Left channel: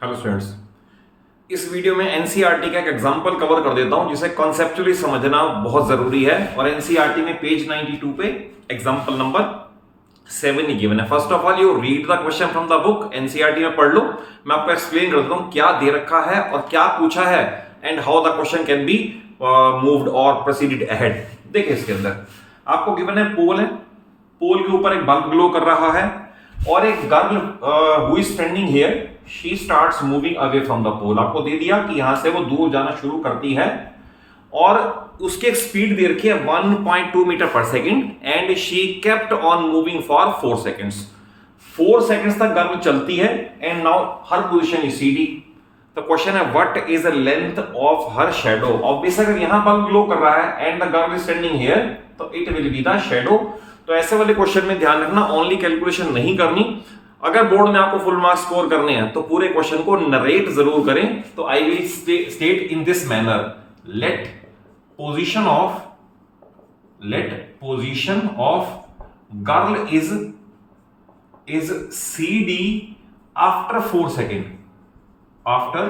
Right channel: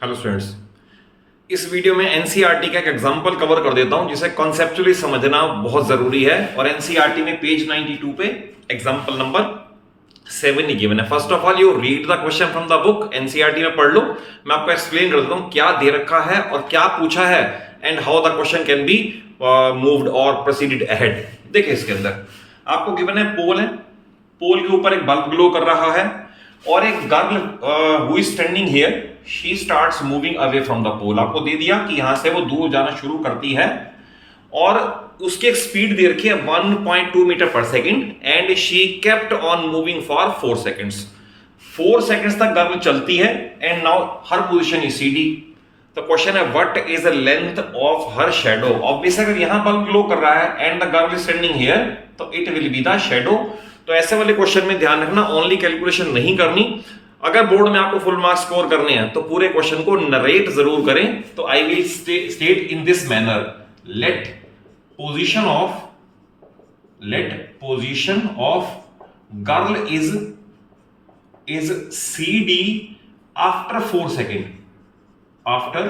Hello students, इस video में NCERT का एक एग्जांपल कवर कर देता हूं जिसे कॉन्सेप्चुअली समझना बहुत जरूरी है। और एनसीईआरटी में पेज 92 पे एग्जांपल नंबर 7 ही गिवन है। First of all you read the question from the book, NCERT में पढ़ लो। मैं आपको एक्सप्लेन कर देता हूं क्या दे रखा है और क्या पूछा है and how the question can be moved और प्रोसीडेड अहेड। देखिए इसके अंदर आपको गिवन है पोल है, पोल के ऊपर एक बल्ब ग्लो कर रहा है और एक girl who is standing here she starts moving away from the pole. आपको दे दिया कि यहां से वो दूर जाना शुरू करती है और उसकी एक स्पीड दे रखी है 1.2 metre per second and she kept on moving for 4 seconds. 4 seconds तक गर्ल चलती है and now her position is C D. तो क्वेश्चन है what is the length of her shadow. Obvious अगर यहां बल्ब ग्लो कर रहा है and the girl is standing here तो it will be the shadow. तो ऐसे वाले क्वेश्चन में ध्यान रखना, ओनली कैलकुलेशन नहीं करनी। अगर बोर्ड में आपको फुल मार्क्स स्कोर करने हैं तो पूरे क्वेश्चन को नरेट जरूर करें। तो I will state in this manner, let position of girl is C D after 4 second, after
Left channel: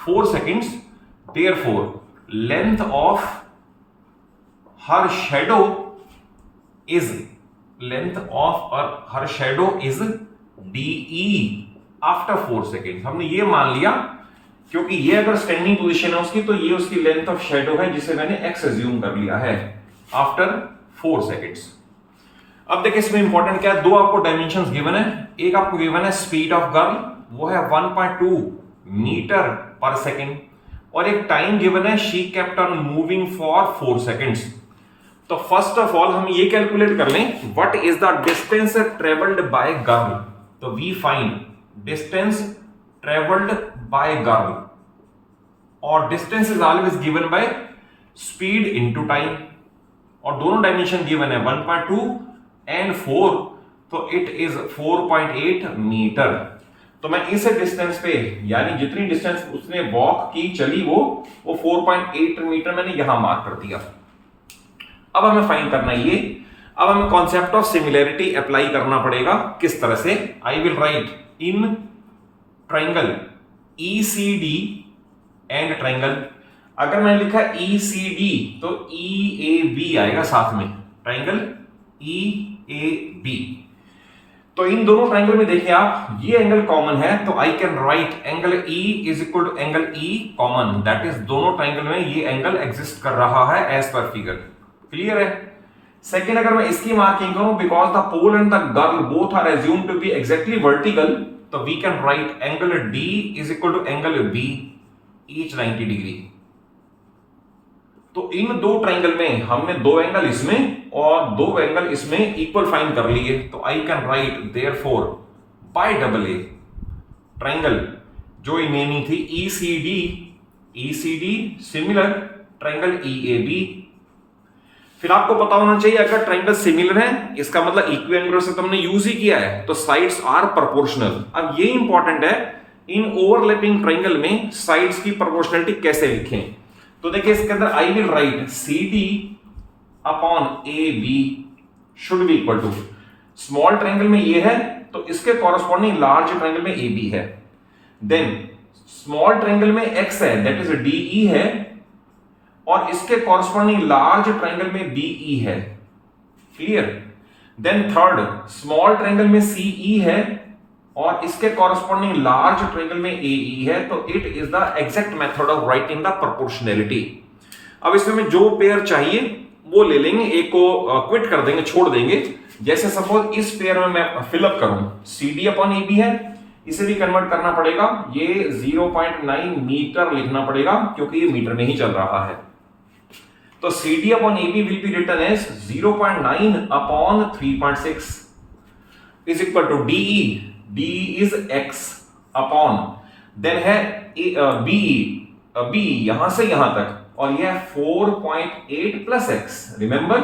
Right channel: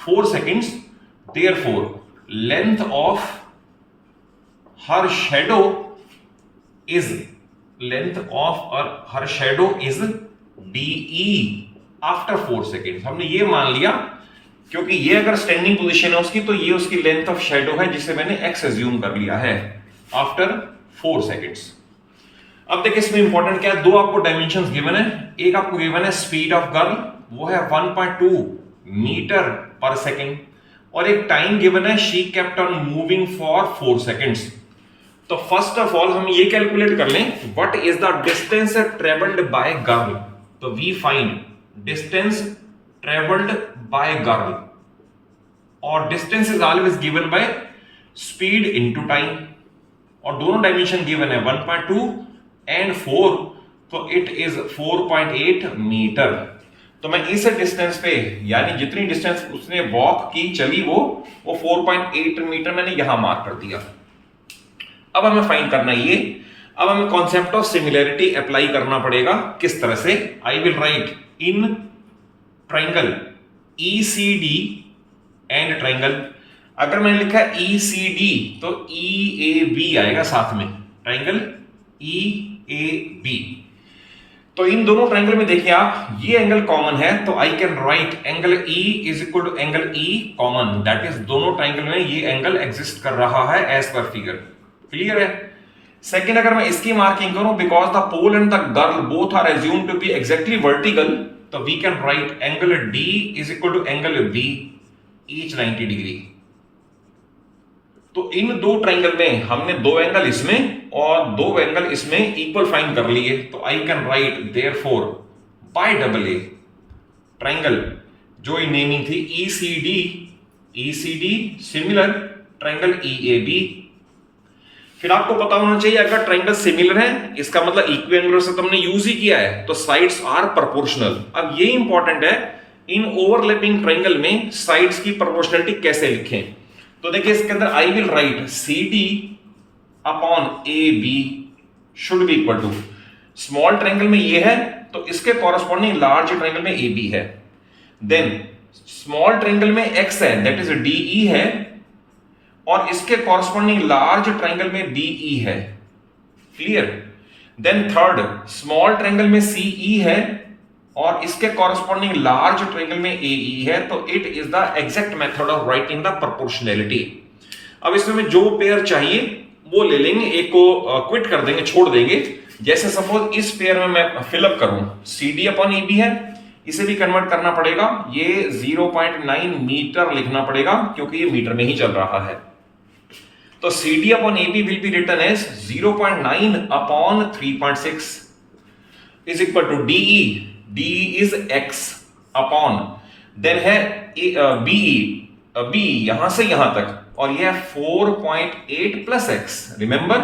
4 seconds, therefore length of her shadow is DE after 4 seconds। हमने ये मान लिया क्योंकि ये अगर स्टैंडिंग पोजीशन है उसकी तो ये उसकी लेंथ ऑफ शेडो है जिसे मैंने x एज्यूम कर लिया है आफ्टर 4 seconds। अब देखिए इसमें इंपॉर्टेंट क्या है, दो आपको डायमेंशंस गिवन है। एक आपको गिवन है स्पीड ऑफ गर्ल, वो है 1.2 मीटर पर सेकेंड, और एक टाइम गिवन है she kept on moving for 4 seconds. तो फर्स्ट ऑफ ऑल हम ये कैलकुलेट कर लें what is the distance travelled by girl. तो we find distance travelled by girl और distance is always given by speed into time, और दोनों dimension given है 1.2 एंड 4, तो इट इज 4.8 मीटर। तो मैं इस डिस्टेंस पे यानी जितनी डिस्टेंस उसने वॉक की चली वो 4.8 मीटर मैंने यहां मार्क कर दिया। अब हमें फाइंड करना है ये। अब हमें कॉन्सेप्ट ऑफ सिमिलैरिटी अप्लाई करना पड़ेगा। किस तरह से? आई will right in triangle ECD and triangle, अगर मैंने लिखा ECD तो EAB आएगा साथ में, ट्राइंगल EAB। तो इन दोनों ट्राइंगल में देखिए आप, ये एंगल कॉमन है तो I can write angle E is equal to angle E common, that is दोनों ट्राइंगल में ये एंगल एग्जिस्ट कर रहा है एज पर फिगर। क्लियर है? सेकंड, अगर मैं इसकी मार्किंग करूं because the pole and the girl both are assumed to be exactly vertical, तो we can write angle D is equal to angle B each 90 degree. तो इन दो triangle में हमने दो एंगल इसमें और दो एंगल इसमें इक्वल फाइंड कर लिए, तो I can right therefore by double A triangle जो नेमिंग थी ECD सिमिलर ट्राइंगल EAB। फिर आपको पता होना चाहिए अगर ट्राइंगल सिमिलर है इसका मतलब इक्विएंगुलर से तुमने यूज ही किया है तो साइड्स आर प्रोपोर्शनल। अब ये इंपॉर्टेंट है, इन ओवरलैपिंग ट्राइंगल में साइड्स की प्रोपोर्शनलिटी कैसे लिखें। तो देखिए इसके अंदर I will write CD upon AB should be equal to, small triangle में ये है तो इसके कॉरस्पॉन्डिंग लार्ज ट्राइंगल में AB है, देन स्मॉल ट्राइंगल में X है दैट इज DE है और इसके कॉरस्पॉन्डिंग लार्ज ट्राइंगल में DE है। Clear? Then third, small triangle में CE है और इसके कॉरस्पॉन्डिंग लार्ज ट्रायंगल में AE है, तो it is the exact method of writing the proportionality. अब इसमें जो पेयर चाहिए वो ले लेंगे, एक को क्विट कर देंगे, छोड़ देंगे। जैसे सपोज इस पेयर में मैं फिलअप करूं, CD अपॉन EB है, इसे भी कन्वर्ट करना पड़ेगा, ये 0.9 मीटर लिखना पड़ेगा क्योंकि ये मीटर में ही चल रहा है। तो CD upon EB will be written as 0.9 upon 3.6 is equal to DE is X upon then है BE यहां से यहां तक और यह 4.8 प्लस X। रिमेंबर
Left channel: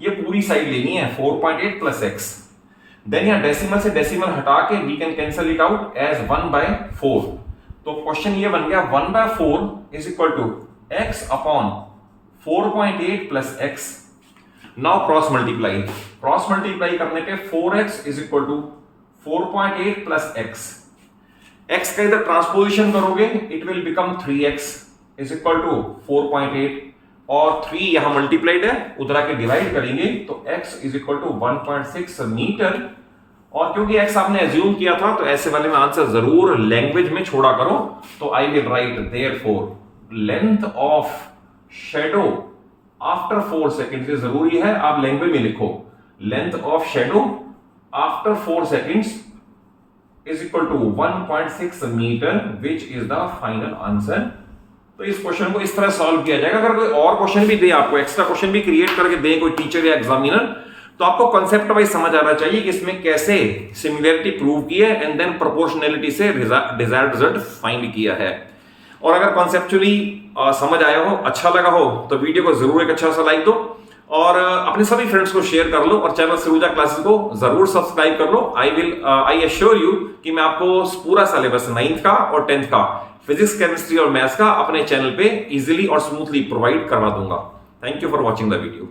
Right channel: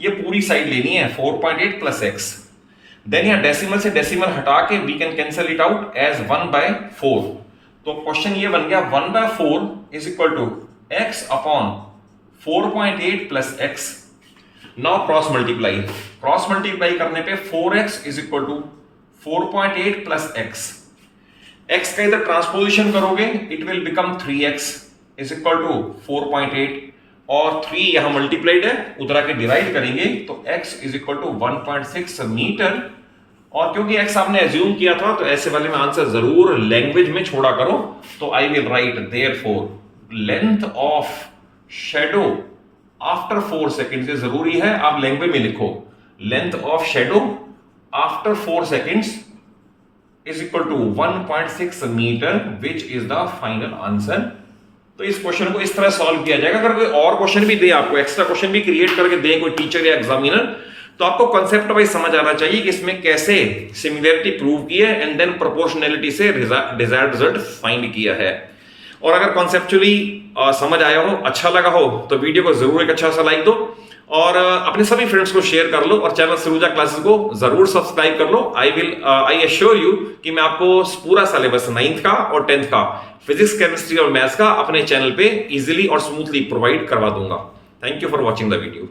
ये पूरी साइड लेनी है 4.8 प्लस X। देन यहां डेसिमल से डेसिमल हटा के we can cancel it out as 1/4। तो क्वेश्चन ये बन गया 1/4 is equal to X upon 4.8 plus X। Now cross multiply करने पे 4x is equal to 4.8 plus x। x का इधर ट्रांसपोजिशन करोगे it will become 3x is equal to 4.8 और 3 यहां मल्टीप्लाइड है, उधर आके डिवाइड करेंगे तो x is equal to 1.6 metre. और क्योंकि x आपने एज्यूम किया था तो ऐसे वाले में आंसर जरूर लैंग्वेज में छोड़ा करो। तो I will write therefore length of shadow after 4 seconds, ये जरूरी है आप लैंग्वेज में लिखो, length of shadow after 4 seconds is equal to 1.6 metre which is the final answer. तो इस क्वेश्चन को इस तरह सॉल्व किया जाएगा। अगर कोई और क्वेश्चन भी दे, आपको एक्स्ट्रा क्वेश्चन भी क्रिएट करके दे कोई टीचर या एग्जामिनर, तो आपको कॉन्सेप्ट वाइज समझ आना चाहिए कि इसमें कैसे सिमिलरिटी प्रूव की है एंड देन प्रोपोर्शनैलिटी से डिजायर्ड रिजल्ट फाइंड किया है। और अगर कॉन्सेप्चुअली समझ आया हो, अच्छा लगा हो, तो वीडियो को जरूर एक अच्छा सा लाइक दो और अपने सभी फ्रेंड्स को शेयर कर लो और चैनल सरूजा क्लासेस को जरूर सब्सक्राइब कर लो। आई एश्योर यू कि मैं आपको पूरा सिलेबस 9th का और 10th का फिजिक्स, केमिस्ट्री और मैथ्स का अपने चैनल पे इजीली और स्मूथली प्रोवाइड करवा दूंगा। Thank you for watching the video.